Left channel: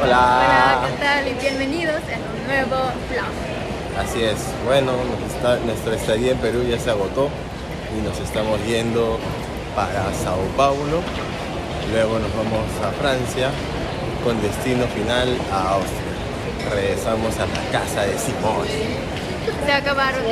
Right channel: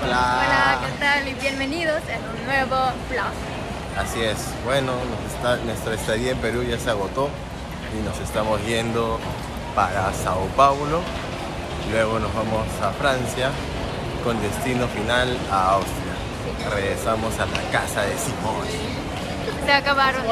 Hola. Hola, ¿qué tal? Y bienvenidos en un nuevo vlog. Así es. Bueno, nuestra estadía en Perú ya se agotó y nos estamos yendo para Sao Paulo. Luego nos vamos a Francia con destino final a Austria. Regresamos a la casa de Simón. Se acabaron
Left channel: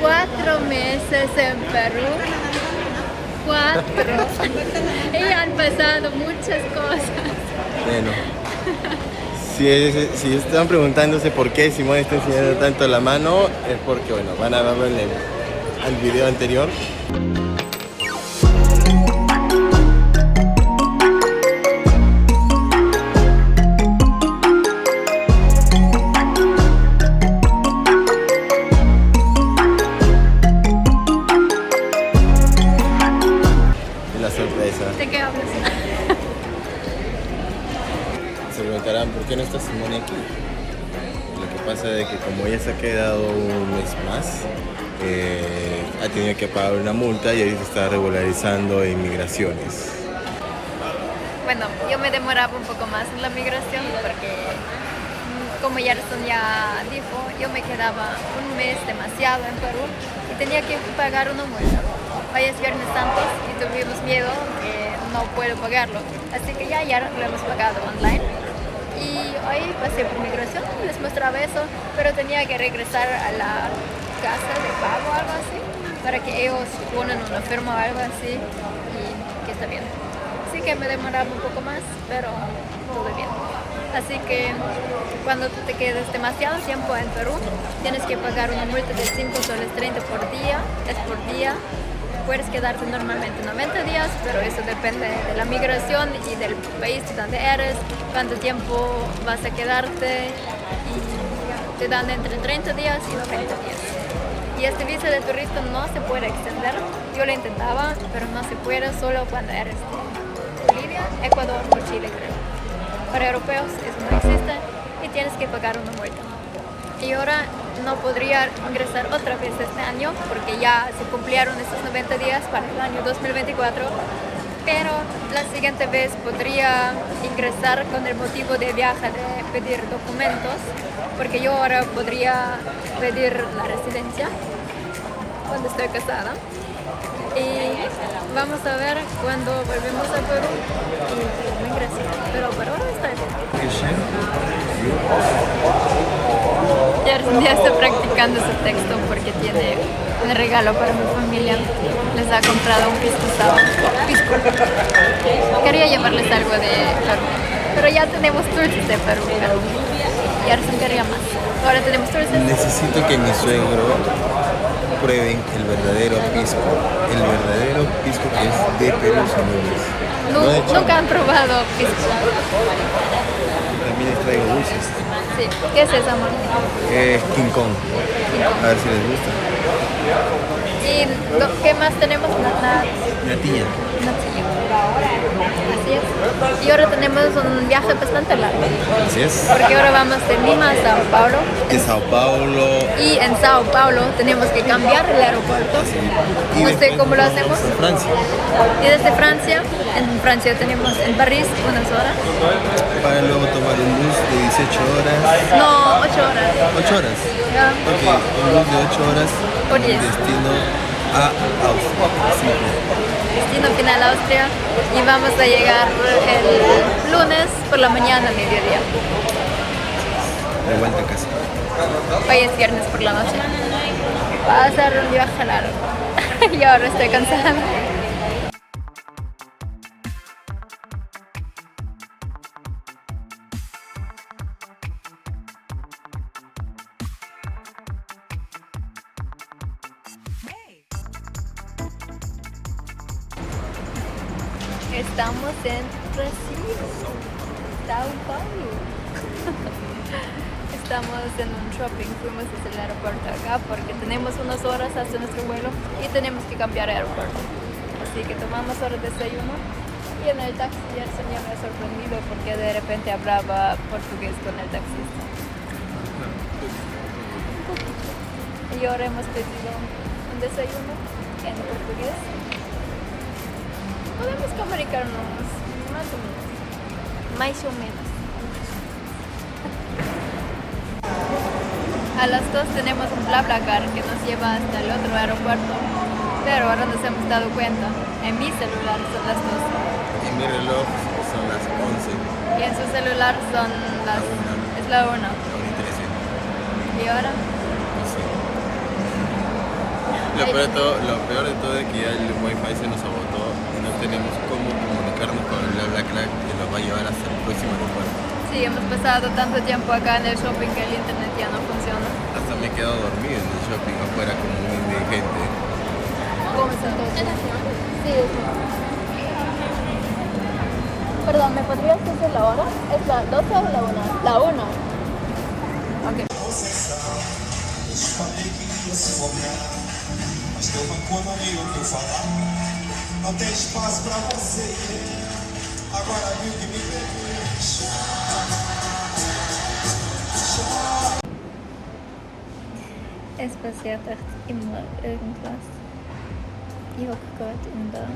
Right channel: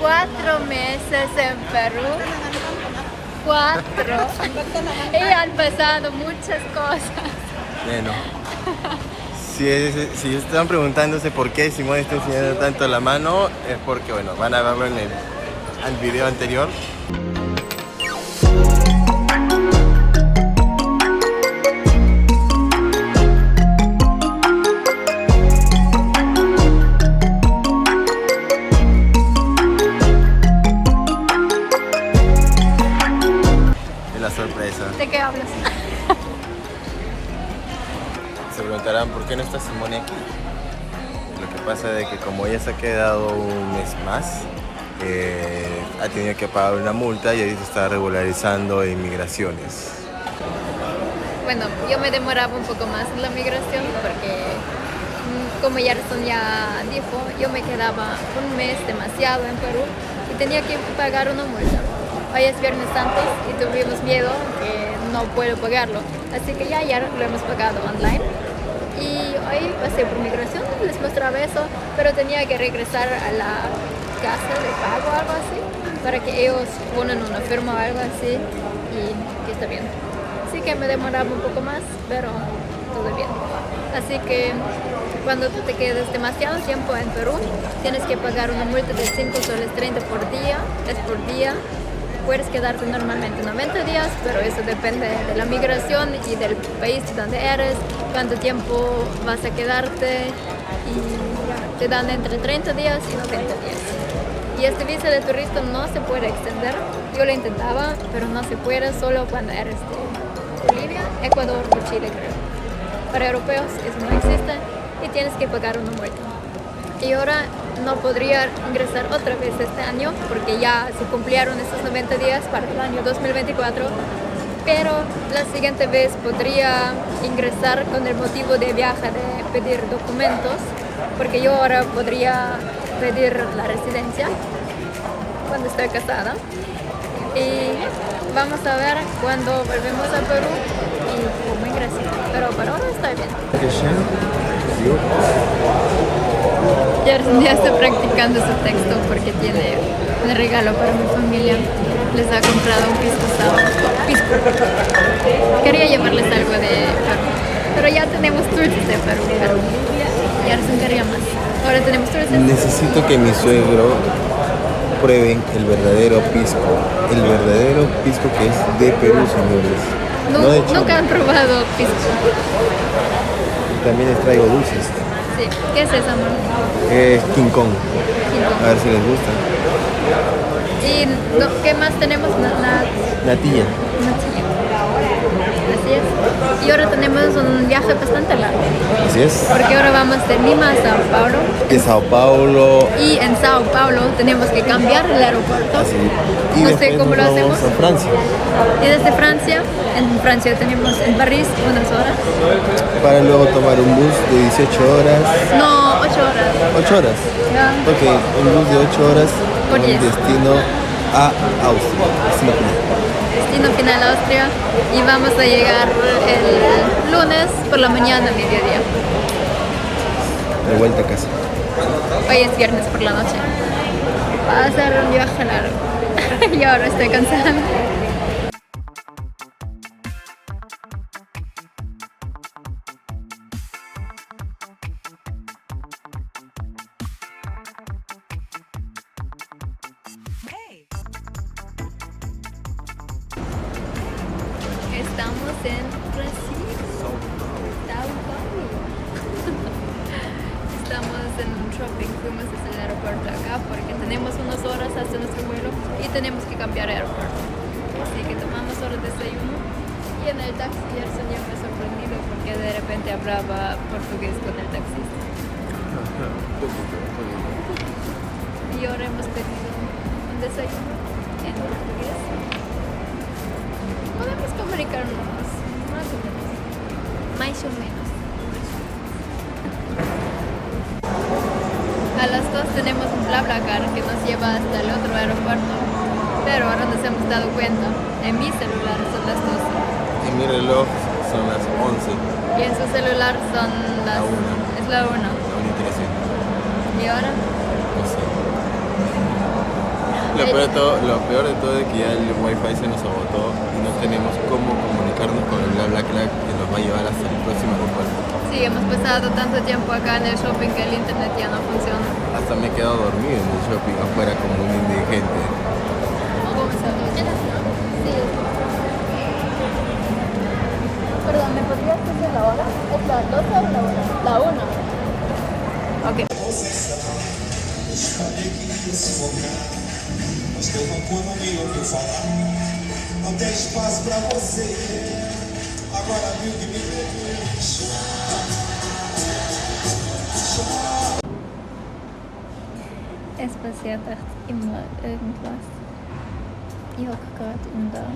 cuatro meses en Perú. 4. Y han pasado muchas cosas. Bueno, si están preguntándose por qué Simón está enseñando tanto la mano, es porque, bueno, van a verlo en el video anterior. Es la sorpresa. ¿De qué hablas? Se preguntarán por qué no está Simone aquí. Lo que pasa es que como ella se ha quedado un mes más, ha tenido que pagar una multa y ahí se está regularizando en migraciones. Bueno, yo me demoraba un poco más en la migración porque, como Gerson ya dijo, yo me quedaba un mes demasiado en Perú y tenía que pagar una multa. Hoy es Viernes Santos y tuvimos miedo que no puedo pagarlo, así que ya lo hemos pagado online. Y hoy pasé por migración, les mostraba eso, pero tenía que regresar a la casa de pago o algo así, para que ellos ponen una firma o algo así y que está bien. Así que me demoraba un poco más, pero todo bien. Así que cuando tú te quedes demasiado tiempo en Perú, tienes que pagar una multa de 5 soles 30 por día, es por día. Puedes quedarte normalmente 90 días, pero eso depende de la migración y del país donde eres, cuánto tiempo vas a quedarte y ya, te dan entre 30 días y 90 días. Y este visa de turista no se puede extender, yo lo intentaba, pero no se puede solo cuando eres de Bolivia, Ecuador o Chile creo. Para europeos eso no existe y tienes que pagar una multa. Y ahora no podría ingresar otra vez este año porque ya se cumplieron estos 90 días para el año 2024, pero la siguiente vez podría ingresar con el motivo de viaje de pedir documentos, porque yo ahora podría pedir la residencia cuando estoy casada y vamos a ver cuando volvemos a Perú y cómo ingreso, pero por ahora estoy bien. Gerson ya está practicando su texto porque tiene un regalo para mi familia. Les ha comprado un pisco sour. Quería llevarles algo de Perú, pero ya tenemos dulces de Perú, pero Gerson quería más. Ahora tenemos dulces. Necesito que mi suegro prueben el verdadero pisco. El verdadero pisco que es de Perú, señores. No de Chile. Nunca han probado pisco. También les traigo dulces. Sí. ¿Qué es eso, amor? Es King Kong. King Kong. A ver si les gusta. ¿Y qué más tenemos? Natilla. Natilla. Así es. Y ahora tenemos un viaje bastante largo. Así es. Porque ahora vamos de Lima a Sao Paulo. De Sao Paulo. Y en Sao Paulo tenemos que cambiar el aeropuerto. Así. Y No sé después cómo nos lo vamos hacemos. a Francia. Y desde Francia, en Francia tenemos en París unas horas. Para luego tomar un bus de 18 horas. No, 8 horas. 8 horas. Ya. Ok, un bus de 8 horas Por con 10. destino a Austria. Destino final. Destino final Austria. Y vamos a llegar el lunes por la mañana, mediodía. De vuelta a casa. Hoy es viernes por la noche. Va a ser un viaje largo. Y ahora estoy cansada. Estamos en Brasil, Sao Paulo. Estamos en un shopping, fuimos desde el aeropuerto acá porque tenemos unas horas hasta nuestro vuelo y tenemos que cambiar de aeropuerto. Así que tomamos ahora desayuno y en el taxi Gerson ya me ha sorprendido porque de repente hablaba portugués con el taxista. Y ahora hemos pedido un desayuno en portugués. Podemos comunicarnos más o menos. a las 2 tenemos un BlaBlaCar que nos lleva hasta el otro aeropuerto. Pero ahora nos hemos dado cuenta, en mi celular son las 12. En mi reloj son las 11. Y en su celular son las... La 1. Es la 1. La 1 y 13. ¿Y ahora? No sé. Lo peor de todo es que ya el wifi se nos agotó y no tenemos cómo comunicarnos con el BlaBlaCar que nos va a llevar hasta el próximo aeropuerto. Sí, hemos pasado tanto tiempo acá en el shopping que el internet ya no funciona. Hasta me he quedado dormido en el shopping afuera como un indigente. ¿Cómo es entonces? Sí. Perdón, ¿me podrías hacer es la 12 o la 1? Ok. Mas teu rancor não me ouviu falar. Não tem espaço pra você. Agora viu que me fez. Es passiert echt immer irgendwas. Ich hocke gerade in der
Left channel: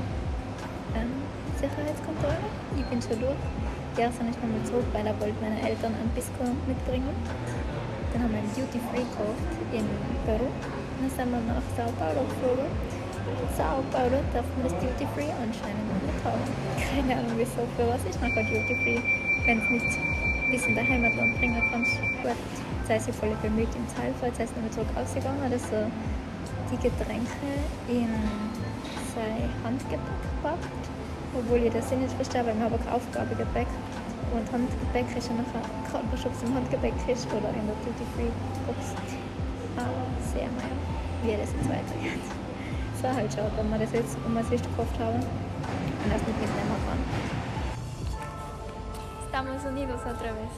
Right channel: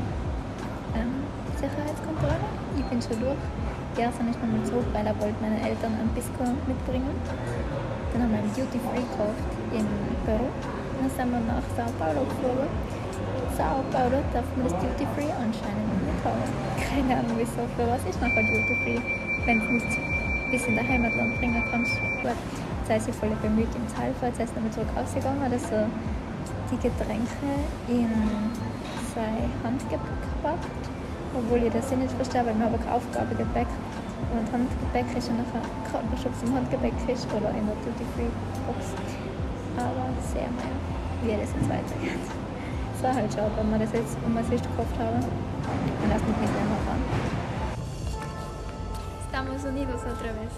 Sicherheitskontrolle. Ich bin schon durch. Gestern ist nochmal zurück, weil er wollte meine Eltern ein Pisco mitbringen. Dann haben wir ein Duty Free gekauft in Peru. Dann sind wir nach Sao Paulo geflogen. In Sao Paulo darf man das Duty Free anscheinend nicht haben. Keine Ahnung wieso, für was ist nachher Duty Free, wenn es nicht bis in der Heimatland bringen kannst. Gut, jetzt heißt sie voll bemüht im Zahlfall, jetzt heißt nochmal zurück ausgegangen, hat so die Getränke in sein Handgepäck gepackt. Obwohl ich das nicht verstehe, weil wir haben kein Aufgabegepäck. Und Handgepäck ist ja nachher gerade ob es im Handgepäck ist oder in der Duty Free Box. Aber sehen wir ja, wie das jetzt weitergeht. Es war halt schade, wenn wir das jetzt gekauft haben und das nicht mitnehmen fahren. Estamos unidos otra vez.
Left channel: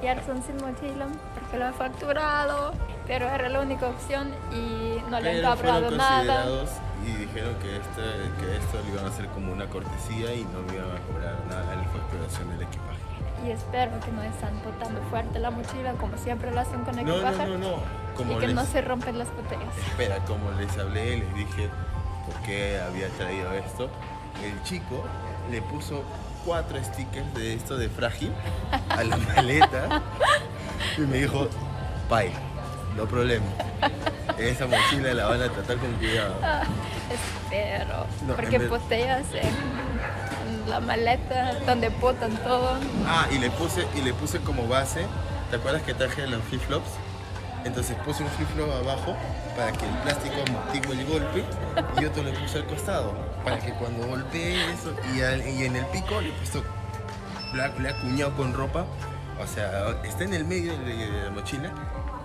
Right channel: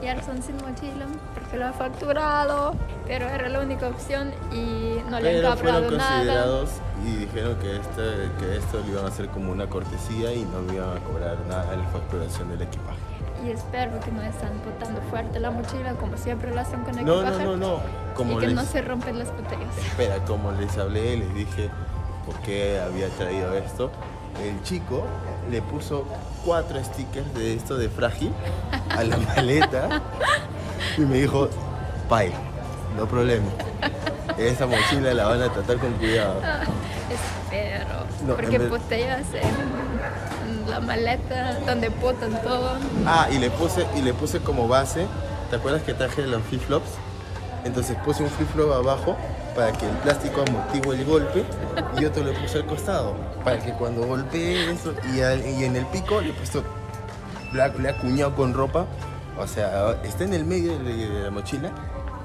Gerson sin mochila porque lo ha facturado, pero era la única opción y no le han cobrado nada. Y dijeron que esto lo iban a hacer como una cortesía y no me iban a cobrar nada en la facturación del equipaje. Y espero que no están botando fuerte la mochila como siempre lo hacen con equipaje. No. Como y que no se rompen las botellas. Espera, como les hablé, les dije por qué había traído esto. El chico le puso 4 stickers de esto de frágil a la maleta y me dijo, pai, no problema. Esa mochila la van a tratar con cuidado. Espero, No, porque botellas en la maleta donde botan todo. Y le puse como base, ¿te acuerdas que traje los flip-flops? Entonces puse un flip-flop abajo para que el plástico amortigue el golpe y otro le puse al costado para que cuando golpee eso y en el pico le he puesto, le he acuñado con ropa, o sea, está en el medio de la mochila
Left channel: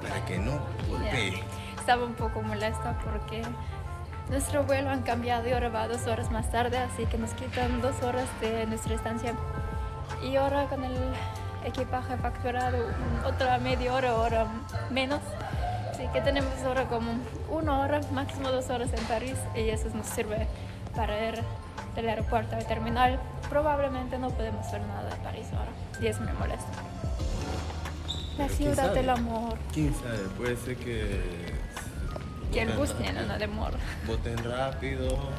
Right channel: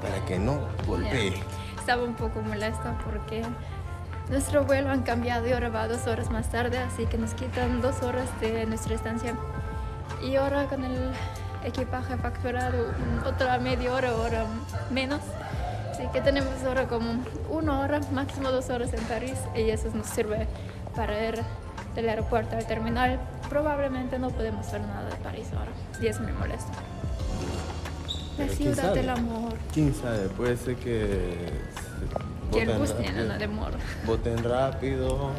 para que no golpee. Yeah. Estaba un poco molesta porque nuestro vuelo han cambiado y ahora va 2 horas más tarde, así que nos quitan 2 horas de nuestra estancia. Y ahora con el equipaje facturado otra media hora menos. Así que tenemos ahora como 1 hora, máximo 2 horas en París y eso nos sirve para ir del aeropuerto al terminal. Probablemente no podemos ver nada de París ahora y eso me molesta. La ciudad del amor. ¿Quién sabe? Puede ser que el bus tiene una demora. Voten rápido.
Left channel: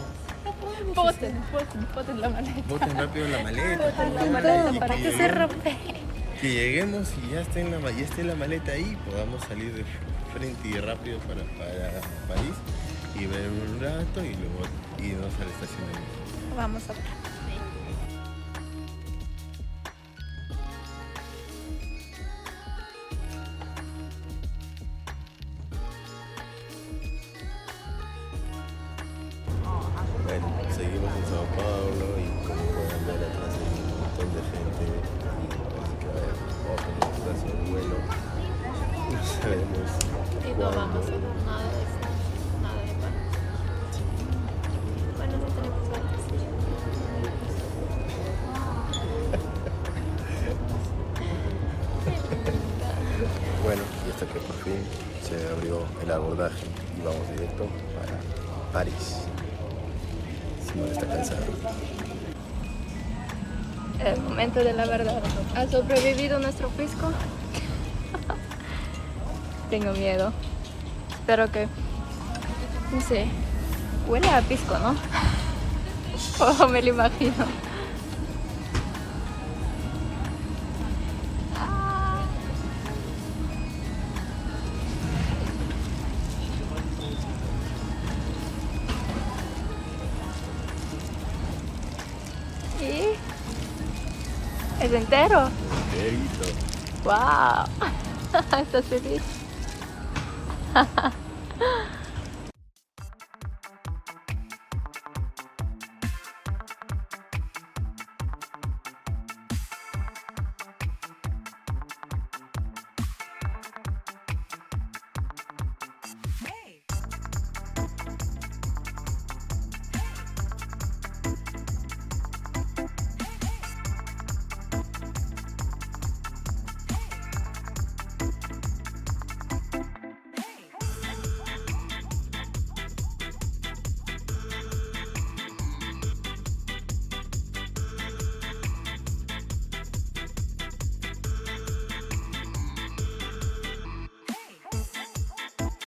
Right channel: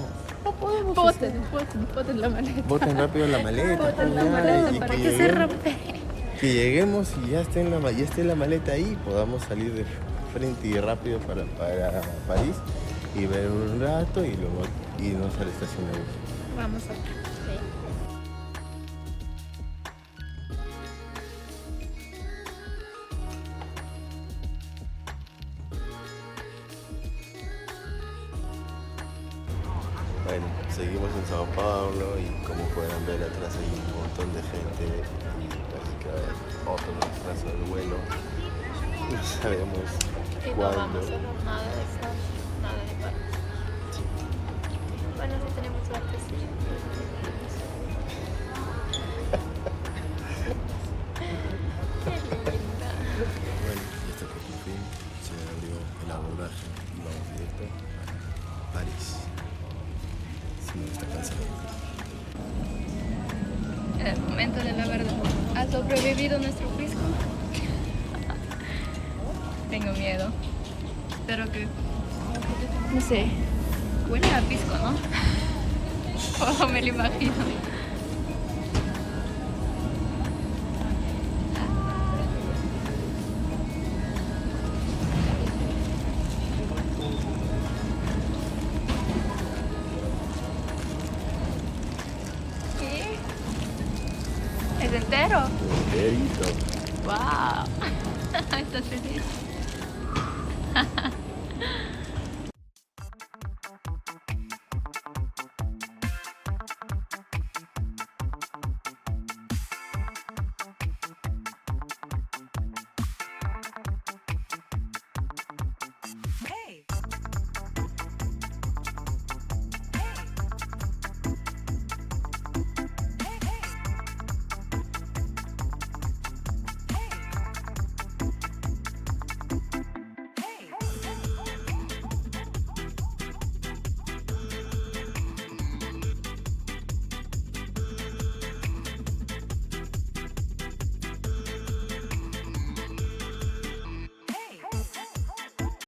Boten la maleta. Boten rápido la maleta. Boten la maleta para que se rompe. Que lleguemos y ya esté en la maleta ahí, podamos salir de frente y rápido para París y ver un rato y luego irnos a la estación de bus. Vamos a Bueno, seguimos en Sao Paulo y como pueden ver atrás hay un montón de gente y parece que va a haber otro retraso del vuelo. No sabemos cuándo. nada de París. Bueno, sí tenemos suerte, sí. Bueno, y hasta que por fin se abrió el abordaje y vamos directo para París. Simón está cansado. El momento de la verdad. ¿Ha sobrevivido nuestro fisco? Tengo miedo. Espero que... No sé. Huele a pisco, ¿no? O me lo imagino. ¿Es entero? Enterito. ¡Wow! Está feliz.